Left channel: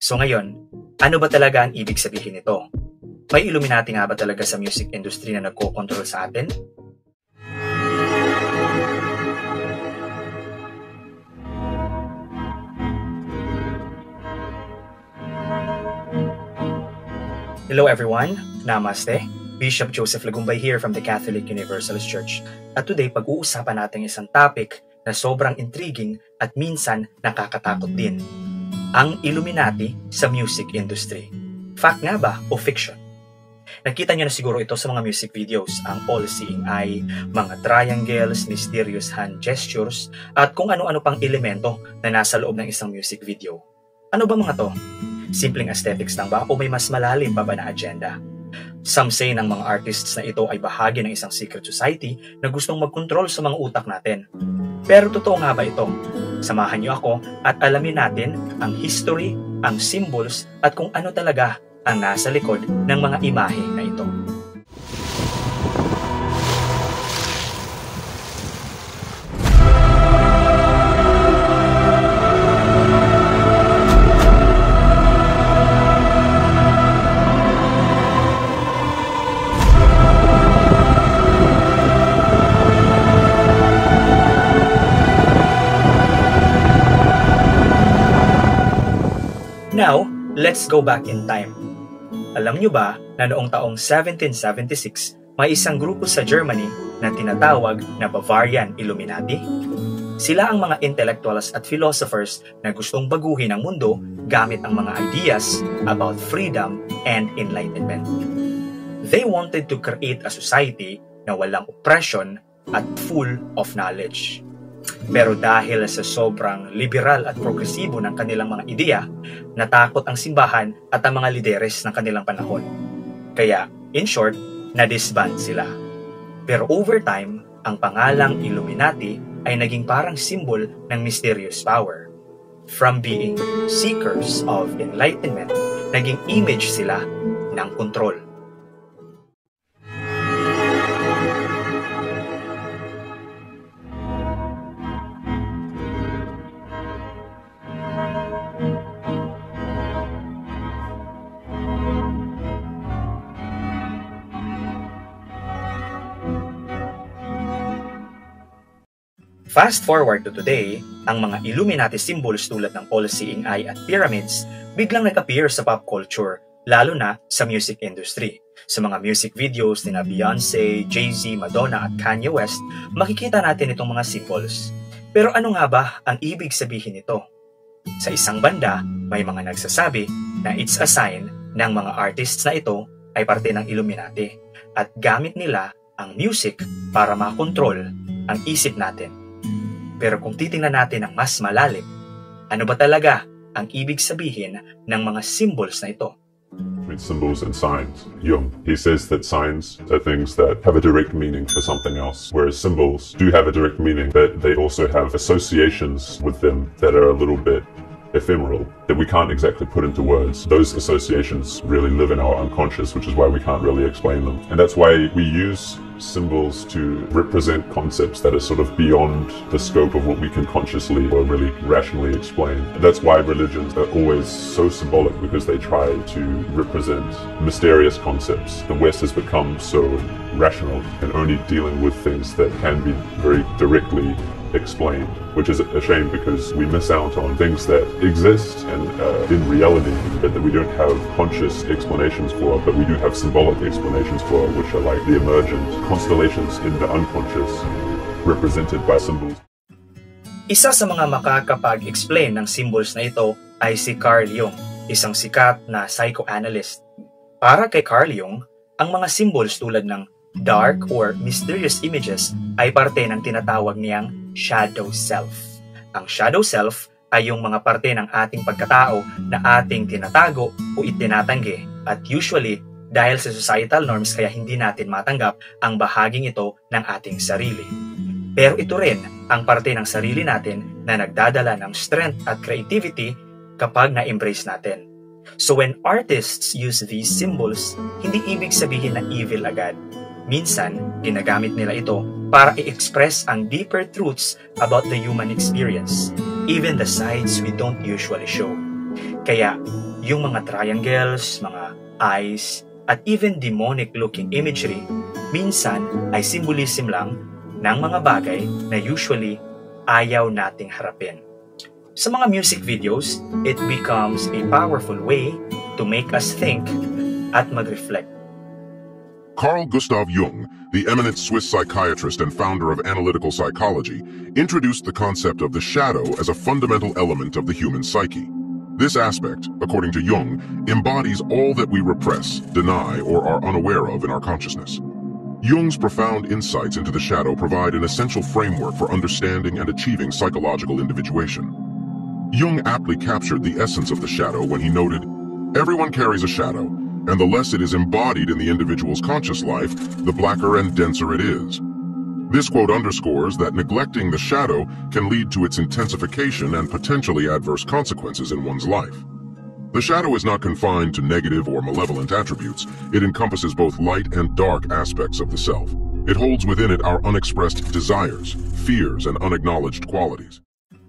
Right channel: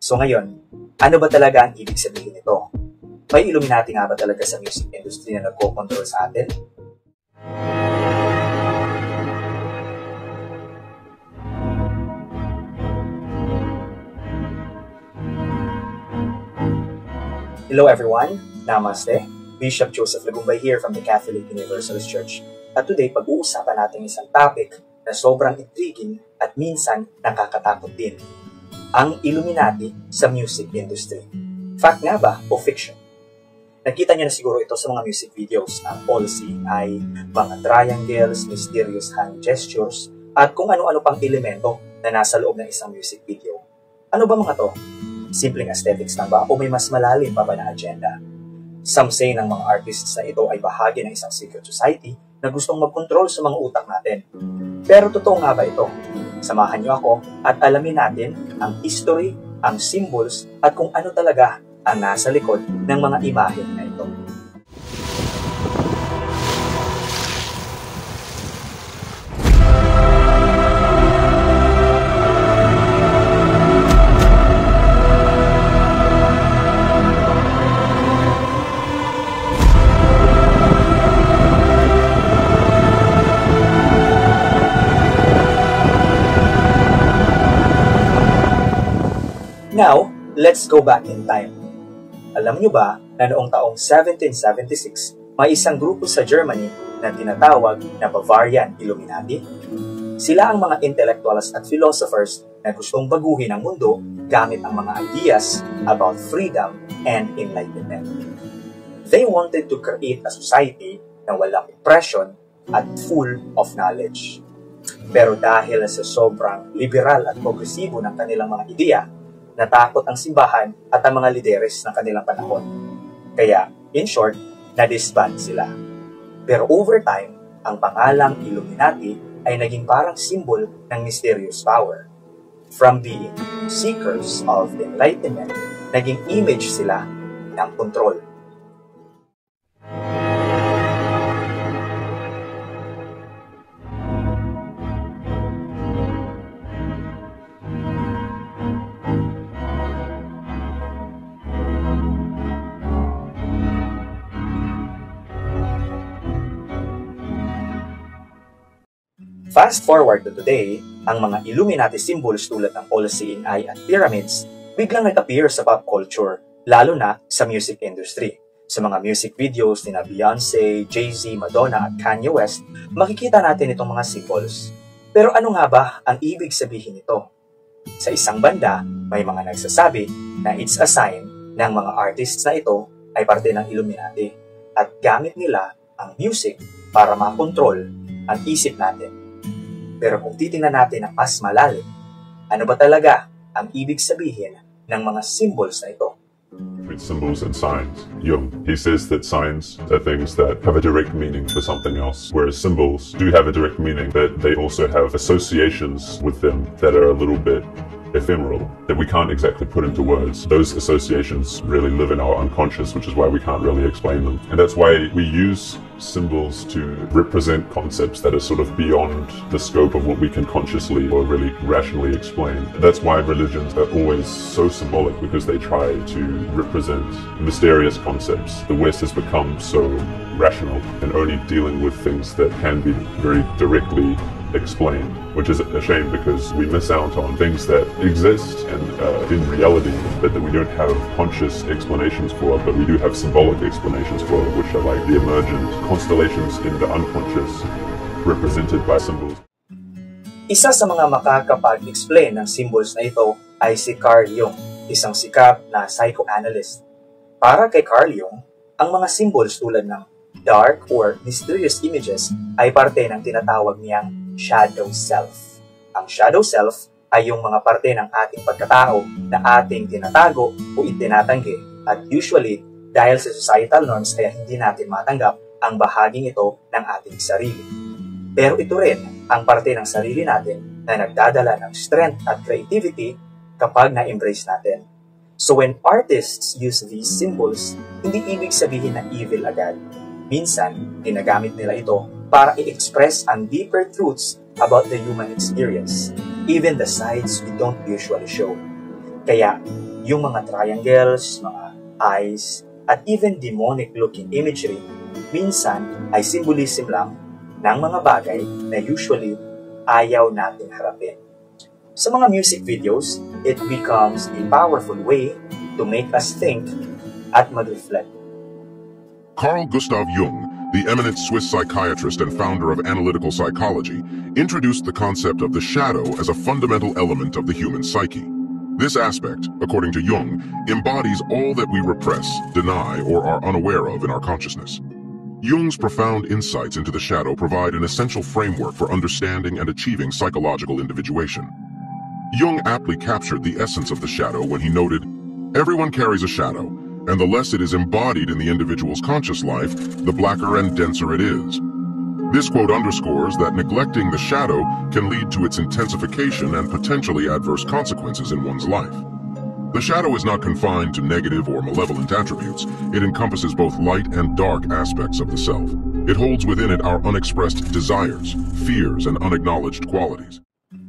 So ngayon, ano ba talaga ang ibig sabihin nito? May Illuminati nga ba talaga sa music industry na nagko-control sa atin? Hello everyone, Namaste. Bishop Joseph Lagumbay here from the Catholic Universalist Church. At today, pag-uusapan natin isang topic na sobrang intriguing at minsan nakakatakot din. Ang Illuminati sa music industry. Fact nga ba o fiction? Nakita nyo na siguro ito sa mga music videos, ang all-seeing eye, mga triangles, mysterious hand gestures, at kung ano-ano pang elemento na nasa loob ng isang music video. Ano ba mga to? Simpleng aesthetics lang ba o may mas malalim pa ba na agenda? Some say ng mga artists na ito ay bahagi ng isang secret society na gustong mag-control sa mga utak natin. Pero totoo nga ba ito? Samahan niyo ako at alamin natin ang history, ang symbols at kung ano talaga ang nasa likod ng mga imahe na ito. Now, let's go back in time. Alam nyo ba na noong taong 1776, may isang grupo sa Germany na tinatawag na Bavarian Illuminati? Sila ang mga intellectuals at philosophers na gustong baguhin ang mundo gamit ang mga ideas about freedom and enlightenment. They wanted to create a society na walang oppression at full of knowledge. Pero dahil sa sobrang liberal at progresibo ng kanilang mga ideya, natakot ang simbahan at ang mga lideres ng kanilang panahon. Kaya, in short, na-disband sila. Pero over time, ang pangalang Illuminati ay naging parang symbol ng mysterious power. From being seekers of enlightenment, naging image sila ng control. Fast forward to today, ang mga Illuminati symbols tulad ng all-seeing eye at pyramids biglang nag-appear sa pop culture, lalo na sa music industry. Sa mga music videos ni Beyoncé, Jay-Z, Madonna at Kanye West, makikita natin itong mga symbols. Pero ano nga ba ang ibig sabihin nito? Sa isang banda, may mga nagsasabi na it's a sign ng mga artists na ito ay parte ng Illuminati at gamit nila ang music para makontrol ang isip natin. Pero kung titingnan natin ang mas malalim, ano ba talaga ang ibig sabihin ng mga symbols na ito? With symbols and signs. Jung, he says that signs are things that have a direct meaning for something else, whereas symbols do have a direct meaning, but they also have associations with them that are a little bit ephemeral, that we can't exactly put into words. Those associations really live in our unconscious, which is why we can't really explain them. And that's why we use symbols to represent concepts that are sort of beyond the scope of what we can consciously or really rationally explain. That's why religions are always so symbolic, because they try to represent mysterious concepts. The West has become so rational and only dealing with things that can be very directly explained, which is a shame because we miss out on things that exist and in reality, but that we don't have conscious explanations for, but we do have symbolic explanations for, which are like the emergent constellations in the unconscious represented by symbols. Isa sa mga makakapag-explain ng symbols na ito ay si Carl Jung, isang sikat na psychoanalyst. Para kay Carl Jung, ang mga symbols tulad ng dark or mysterious images ay parte ng tinatawag niyang shadow self. Ang shadow self ay yung mga parte ng ating pagkatao na ating tinatago o itinatanggi at usually dahil sa societal norms kaya hindi natin matanggap ang bahaging ito ng ating sarili. Pero ito rin ang parte ng sarili natin na nagdadala ng strength at creativity kapag na-embrace natin. So when artists use these symbols, hindi ibig sabihin na evil agad. Minsan, ginagamit nila ito para i-express ang deeper truths about the human experience, even the sides we don't usually show. Kaya, yung mga triangles, mga eyes, at even demonic-looking imagery, minsan ay symbolism lang ng mga bagay na usually ayaw nating harapin. Sa mga music videos, it becomes a powerful way to make us think at mag-reflect. Carl Gustav Jung, the eminent Swiss psychiatrist and founder of analytical psychology, introduced the concept of the shadow as a fundamental element of the human psyche. This aspect, according to Jung, embodies all that we repress, deny, or are unaware of in our consciousness. Jung's profound insights into the shadow provide an essential framework for understanding and achieving psychological individuation. Jung aptly captured the essence of the shadow when he noted, "Everyone carries a shadow, and the less it is embodied in the individual's conscious life, the blacker and denser it is." This quote underscores that neglecting the shadow can lead to its intensification and potentially adverse consequences in one's life. The shadow is not confined to negative or malevolent attributes. It encompasses both light and dark aspects of the self. It holds within it our unexpressed desires, fears, and unacknowledged qualities.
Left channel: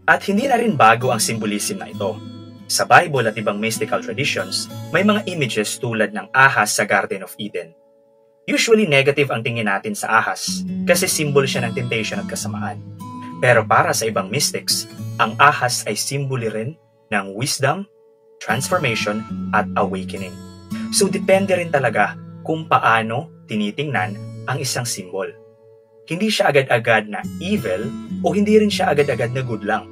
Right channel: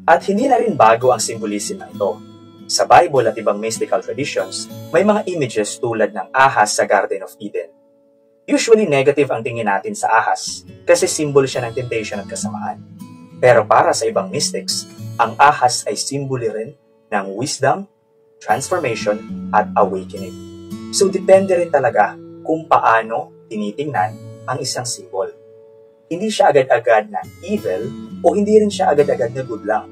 At hindi na rin bago ang symbolism na ito. Sa Bible at ibang mystical traditions, may mga images tulad ng ahas sa Garden of Eden. Usually negative ang tingin natin sa ahas kasi symbol siya ng temptation at kasamaan. Pero para sa ibang mystics, ang ahas ay symbol rin ng wisdom, transformation, at awakening. So depende rin talaga kung paano tinitingnan ang isang symbol. Hindi siya agad-agad na evil o hindi rin siya agad-agad na good lang.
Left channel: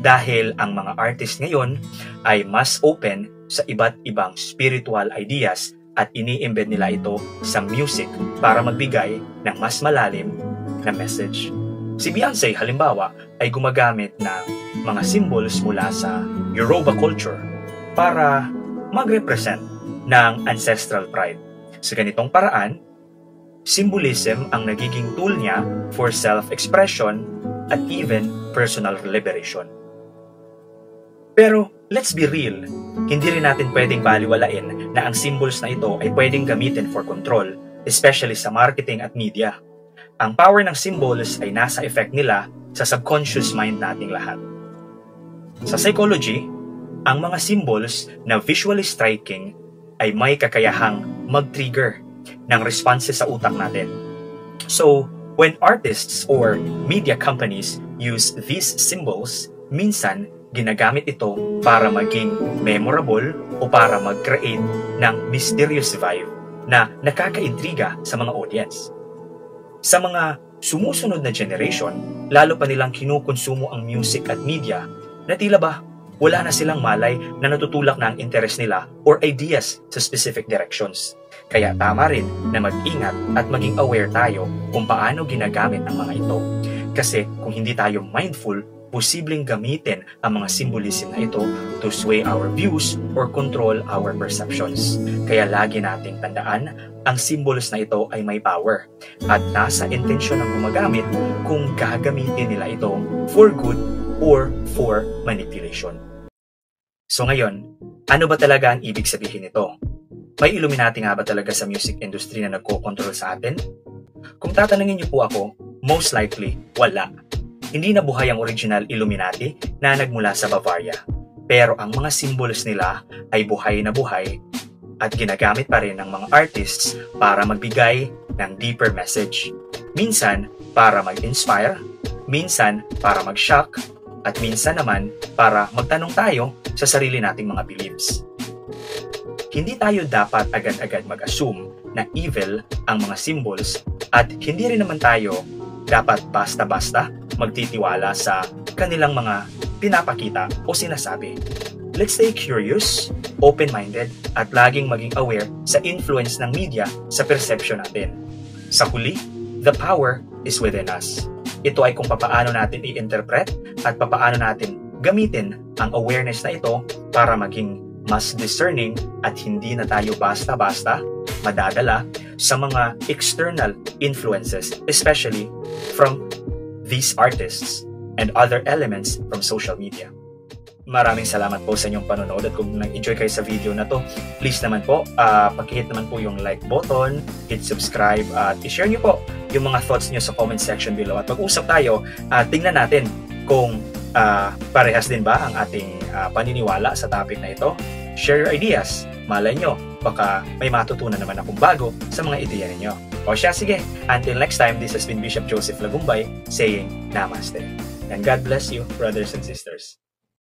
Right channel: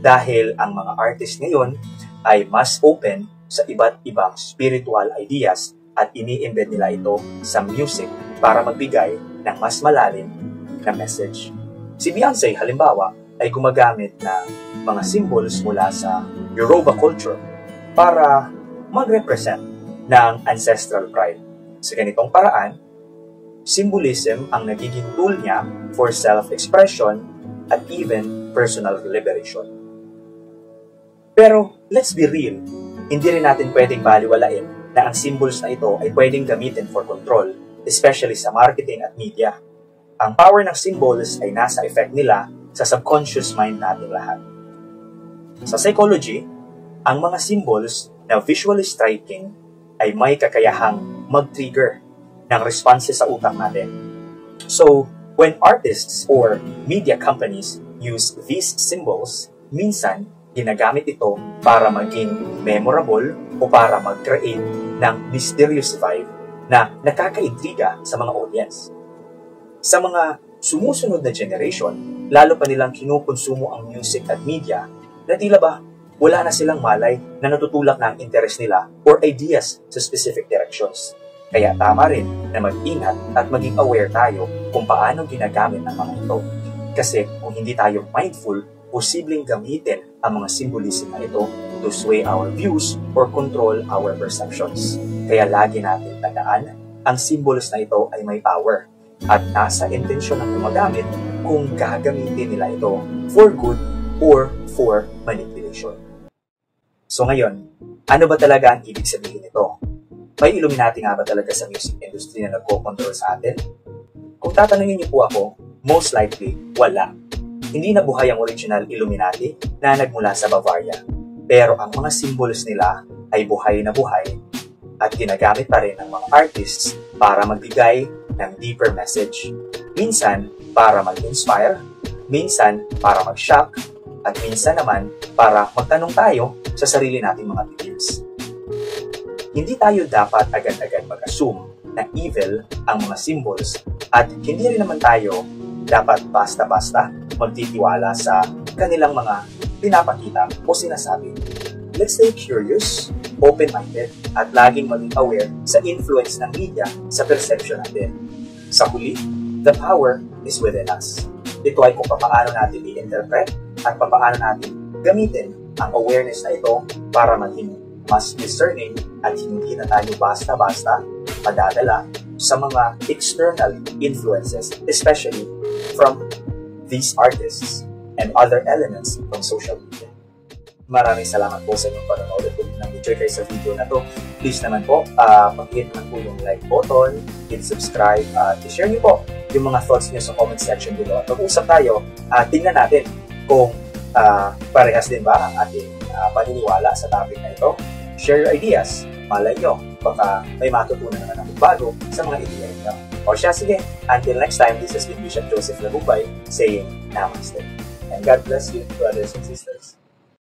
Dahil ang mga artist ngayon ay mas open sa iba't ibang spiritual ideas at ini-embed nila ito sa music para magbigay ng mas malalim na message. Si Beyonce, halimbawa, ay gumagamit ng mga symbols mula sa Yoruba culture para mag-represent ng ancestral pride. Sa ganitong paraan, symbolism ang nagiging tool niya for self-expression at even personal liberation. Pero let's be real, hindi rin natin pwedeng baliwalain na ang symbols na ito ay pwedeng gamitin for control, especially sa marketing at media. Ang power ng symbols ay nasa effect nila sa subconscious mind nating lahat. Sa psychology, ang mga symbols na visually striking ay may kakayahang mag-trigger ng responses sa utak natin. So, when artists or media companies use these symbols, minsan ginagamit ito para maging memorable o para mag-create ng mysterious vibe na nakakaintriga sa mga audience. Sa mga sumusunod na generation, lalo pa nilang kinukonsumo ang music at media na tila ba wala na silang malay na natutulak na ang interest nila or ideas sa specific directions. Kaya tama rin na mag-ingat at maging aware tayo kung paano ginagamit ang mga ito. Kasi kung hindi tayo mindful, posibleng gamitin ang mga symbolism na ito to sway our views or control our perceptions. Kaya lagi nating tandaan, ang symbols na ito ay may power at nasa intensyon ng gumagamit kung gagamitin nila ito for good or for manipulation. So ngayon, ano ba talaga ang ibig sabihin nito? May Illuminati nga ba talaga sa music industry na nagko-control sa atin? Kung tatanungin niyo po ako, most likely, wala. Hindi na buhay ang original Illuminati na nagmula sa Bavaria. Pero ang mga symbols nila ay buhay na buhay at ginagamit pa rin ng mga artists para magbigay ng deeper message. Minsan para mag-inspire, minsan para mag-shock, at minsan naman para magtanong tayo sa sarili nating mga beliefs. Hindi tayo dapat agad-agad mag-assume na evil ang mga symbols at hindi rin naman tayo dapat basta-basta magtitiwala sa kanilang mga pinapakita o sinasabi. Let's stay curious, open-minded, at laging maging aware sa influence ng media sa perception natin. Sa huli, the power is within us. Ito ay kung papaano natin i-interpret at papaano natin gamitin ang awareness na ito para maging mas discerning at hindi na tayo basta-basta madadala sa mga external influences, especially from these artists and other elements from social media. Maraming salamat po sa inyong panonood at kung nag-enjoy kayo sa video na to, please naman po, pag-hit naman po yung like button, hit subscribe, at i-share nyo po yung mga thoughts nyo sa comment section below. At pag-usap tayo, tingnan natin kung parehas din ba ang ating paniniwala sa topic na ito. Share your ideas. Malay nyo, baka may matutunan naman akong bago sa mga ideya nyo. O siya, sige. Until next time, this has been Bishop Joseph Lagumbay saying Namaste. And God bless you, brothers and sisters.